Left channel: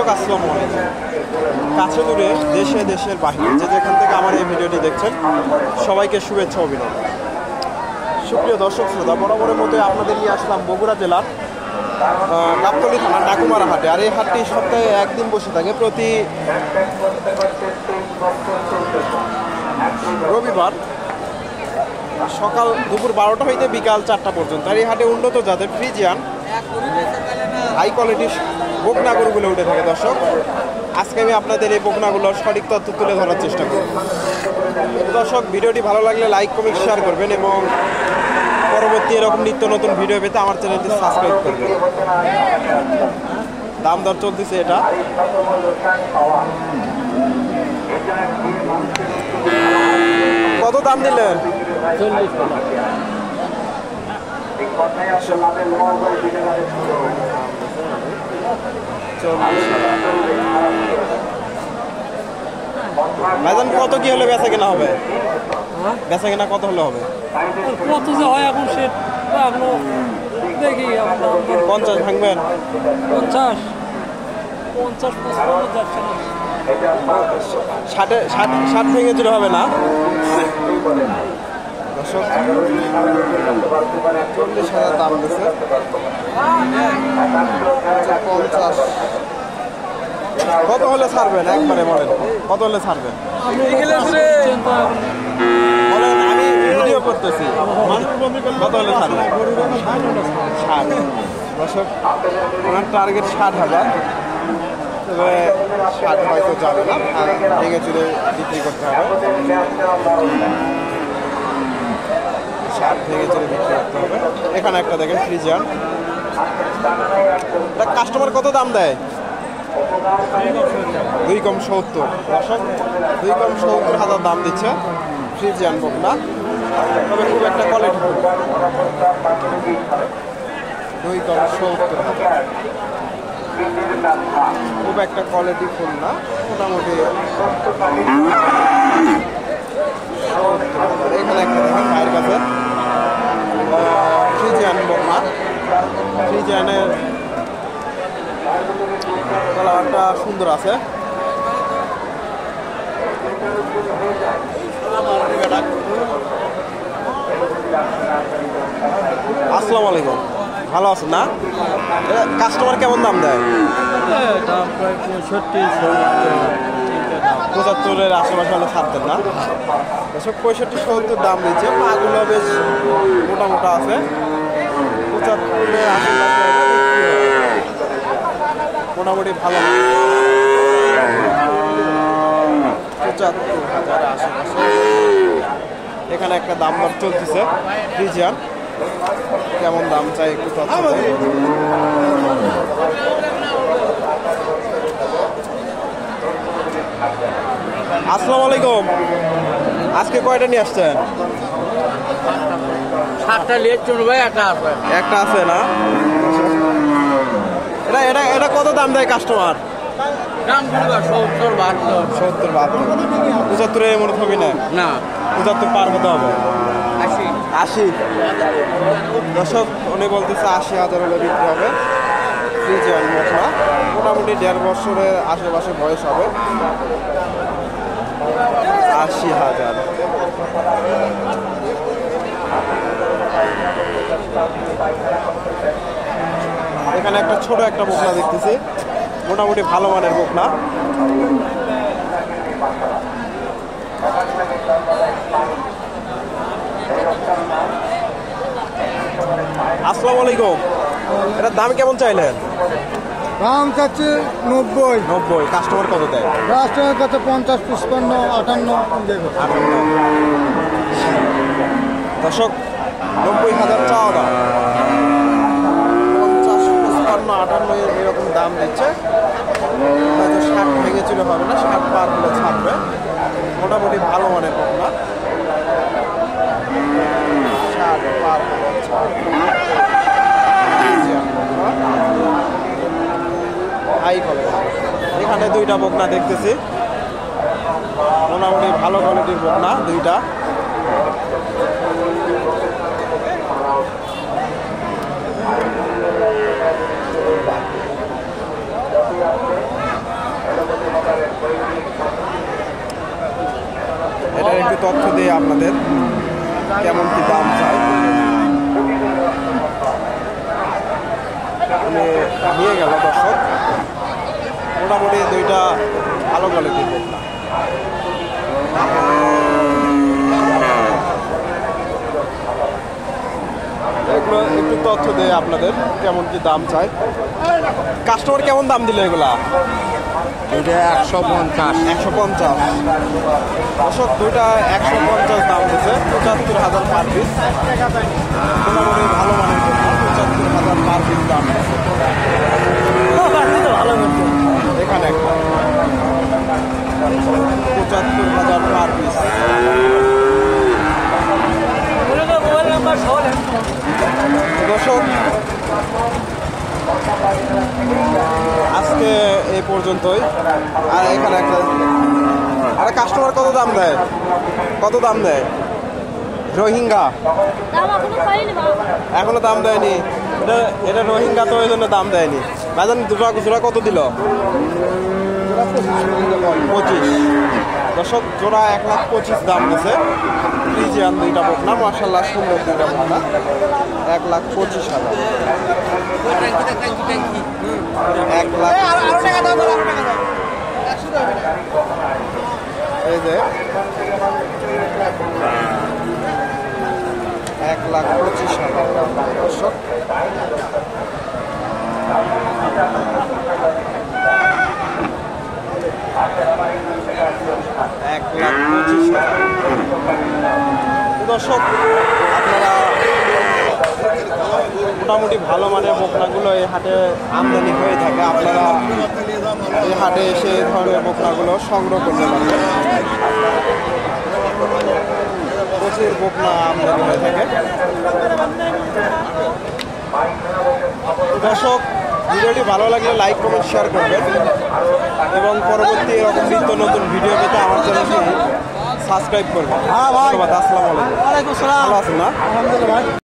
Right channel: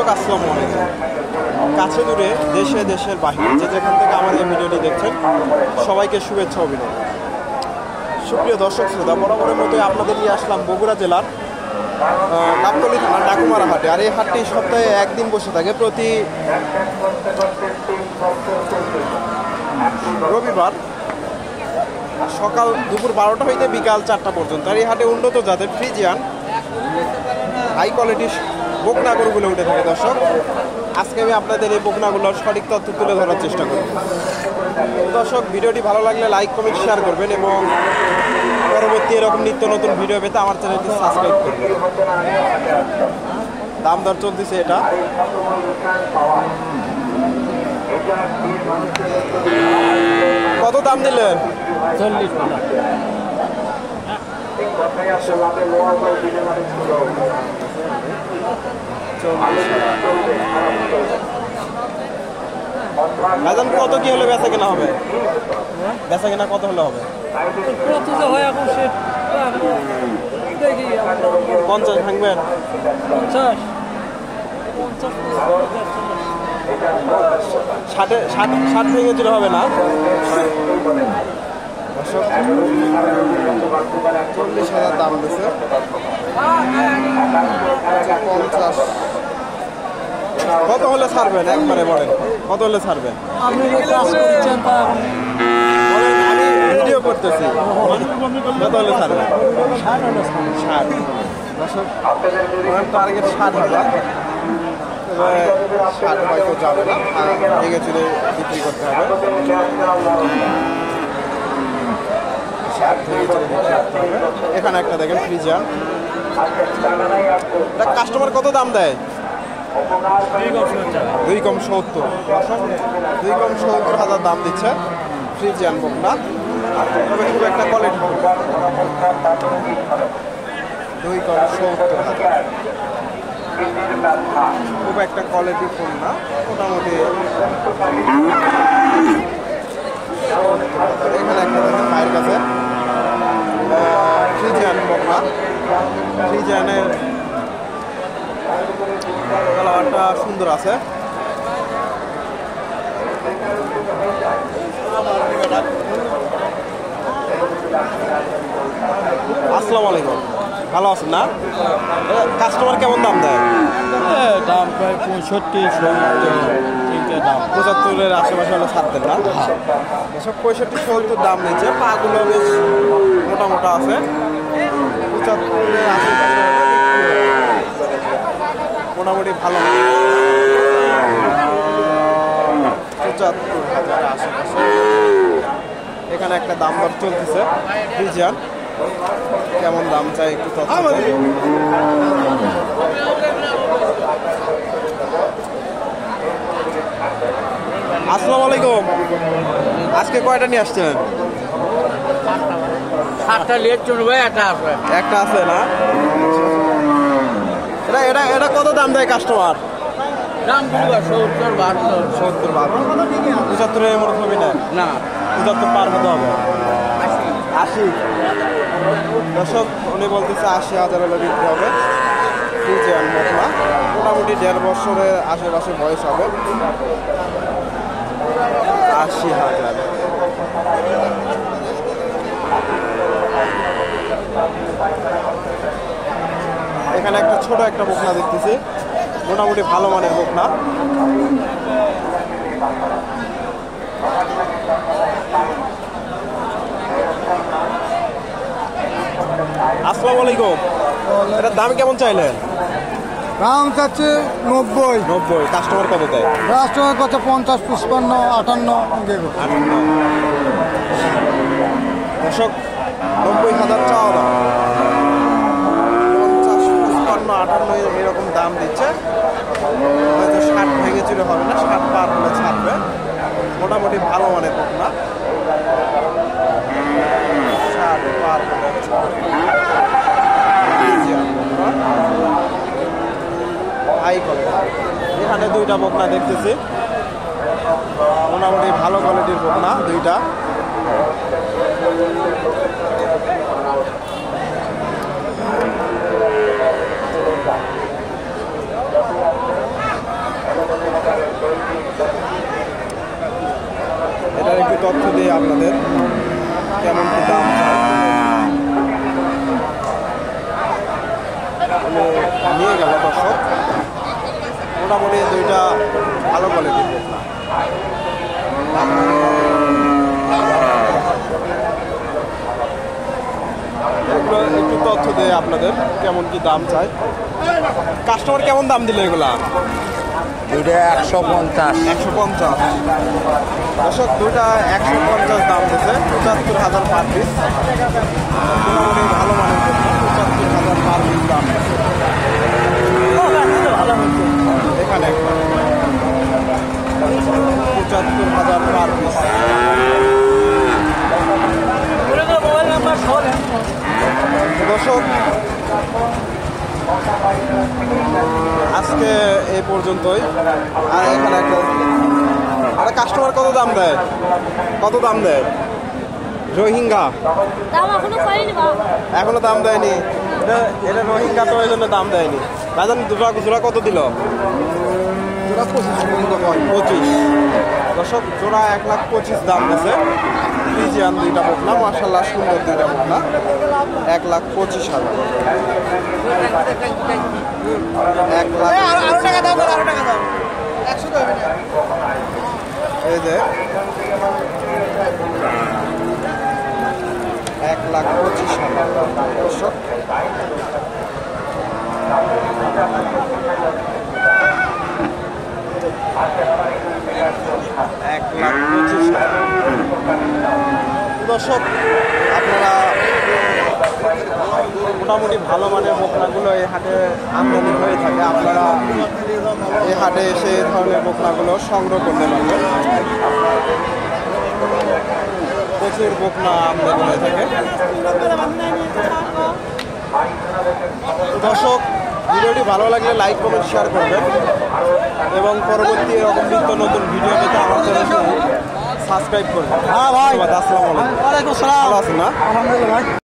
দর্শক আসসালামু আলাইকুম। কাছে দূরে দেশে দেশের বাহিরে যে যেখান থেকে আমার এই ভিডিওটি দেখছেন সবাইকে শুভেচ্ছা অভিনন্দন। সুপ্রিয় দর্শক শ্রোতা, বরাবরের মতো আপনাদের নিয়ে আসলাম বগুড়া জেলার গাবতলী থানার ডাকুমারা হাটে। আর এই হাটটি সপ্তাহে একদিন বসে থাকে, প্রতি রবিবার সকাল দুপুর 12টা হইতে বিকাল 4টা পর্যন্ত। আর এই হাটে উন্নত জাতের ফ্রিজিয়ান হাই কোয়ালিটির বকনা গরুগুলো উঠে থাকে। দর্শক, আজকে আমি আপনাদের এই বকনাগুলোর সঠিক তথ্য তুলে ধরার চেষ্টা করব। দর্শক, ভিডিওটি ভালো লাগলে লাইক কমেন্ট শেয়ার করবেন এবং পরবর্তী এরকম নিত্য নতুন ভিডিও পেতে আমার চ্যানেলটি সাবস্ক্রাইব করবেন। দাম দর চলতেছে এটা। কত দাম দিলেন? 40 টাকা। ভাইজান, কত কি হলে বেচা কেনা হবে? বেচা কেনা কত হলে হবে? 50 ভাঙবেন? 60 ভেঙে দিলে হবে না? দর্শক, 40,000 দাম দিছে। 50 কত হলে ছাড়বেন? একবারে বলেন, কত হলে ছাড়বেন বলেন, আমি ভিডিও করতেছি। কত হলে ছাড়বেন? 60। দর্শক, ওনার টার্গেট 60,000, তবে 60 হয়তো যাবে না, ভেঙে চুরে বিক্রি করতে হবে। 60 ভেঙে চুরে বিক্রি করতে হবে। এখানে একটা দেখেন ফ্রিজিয়ান, কাস্টমার কত দাম দেয়? 2,70,000। 2,70,000 দাম দিচ্ছে ফ্রিজিয়ান বকনা, তবে খুব একটা কোয়ালিটি ফুল। 2,70,000 খুব একটা কোয়ালিটি ফুল না, মোটামুটি। এখানে একটা দেখেন পায়ের কাছে ফ্রিজিয়ান বকনা। ফ্রিজিয়ানের কালারটা সুন্দর আছে। আসসালামু আলাইকুম, ভালো আছেন না? কাস্টমার কেমন দাম দেয়? দাম 75-70 আশেপাশে হলে ছাড়তেন না? 65-70 দাম দিচ্ছে। পাগুলো বেশ মোটা মোটা আছে। 75 আশেপাশে মোটামুটি ভালো। 75,000 আশেপাশে। এখানে একটা দাম দর চলতেছে ফ্রিজিয়ান, কেমন দাম চাই একটু তথ্য দেয়। আসসালামু আলাইকুম, আজকে কয়টা নিয়ে আসছেন? 7টা লেট চলবে, একটা আছে। একটা আছে না? এটা এটা কত দাম দেয় কাস্টমার? দাম 70-72। 75 মনে হবে না? না, 75 পার হতে হবে। 80। দর্শক, উনি বলতেছে 80,000 হলে বিক্রি হবে। ফ্রিজিয়ান বকনা, মোটামুটি 1.5 বছরের আশেপাশে বয়স হবে। 80,000। এখানে একটা ছোট একটা বকনা দেখতেছি, মোটামুটি ভালো মানের বকনা। আসসালামু আলাইকুম, এটার দাম কেমন চাইলেন? দাম চাচ্ছে 90। কাস্টমার কত দেয়? কাস্টমার কাছে 50, 55, 58 দেবে। 58। দর্শক, 90,000 চাওয়া দাম। 50, 55, 58 এরকম দাম দিচ্ছে। হয়তো 60 ভেঙে চুরে হবে না, 60 পার হলে ছাড়বে। মোটামুটি ভালো মানের বকনা। 60 পার হলে ছাড়বে। High quality. এখানে 2টা বকনা দেখতেছি, মোটামুটি ভালো কোয়ালিটির বকনা 2টা। এটা একটু তথ্য দিয়ে আপনাদের কেমন কি দাম চাই মানে নিয়ে গেল দর্শক। মোটামুটি দুইটা ভালো কোয়ালিটির বকনা। এগুলো একটু তথ্য দেয় আপনাদের কেমন কি দাম চাই। কাস্টমার কেমন দাম দিল এগুলা? এটা 150। 150 দর্শক, দুইটা 150 দাম দিচ্ছে, 75,000 পার পিস। মোটামুটি ভালো মানের বকনা, 75,000 পার পিস দাম দিচ্ছে। এখানে একটা 75,000 পার পিস। দর্শক, আজকে এই পর্যন্তই। আর এখানে একটা কাস্টমার কত দাম দেয়? কত দাম দেয় রোহিঙ্গা? এখনো দাম দেয়নি। এটা রোহিঙ্গা তো এই জন্য দাম দেয়নি। বাজান জোড়া কত দিল? 25। দর্শক, জোড়া 1,25,000 দাম দিছে। ফ্রিজিয়ান দুইটা বকনা, মাশাআল্লাহ সুন্দর দুইটা বকনা, 1,25,000। 1,25,000। এই যে 1,25,000 দর্শক। দর্শক, আপনারা মোটামুটি ভালো মানের বকনাগুলো এই হাটে আমদানি হয়ে থাকে। আপনারা এই হাটে এসে এই ধরনের বকনাগুলো সংগ্রহ করতে পারবেন। প্রচুর বকনা আমদানি হয়ে থাকে। তো দর্শক, ভিডিওটি ভালো লাগলে লাইক কমেন্ট শেয়ার করবেন এবং পরবর্তী এরকম নিত্য নতুন ভিডিও পেতে আমার চ্যানেলটি সাবস্ক্রাইব করবেন। ধন্যবাদ। আসসালামু আলাইকুম। ভালো আছেন না?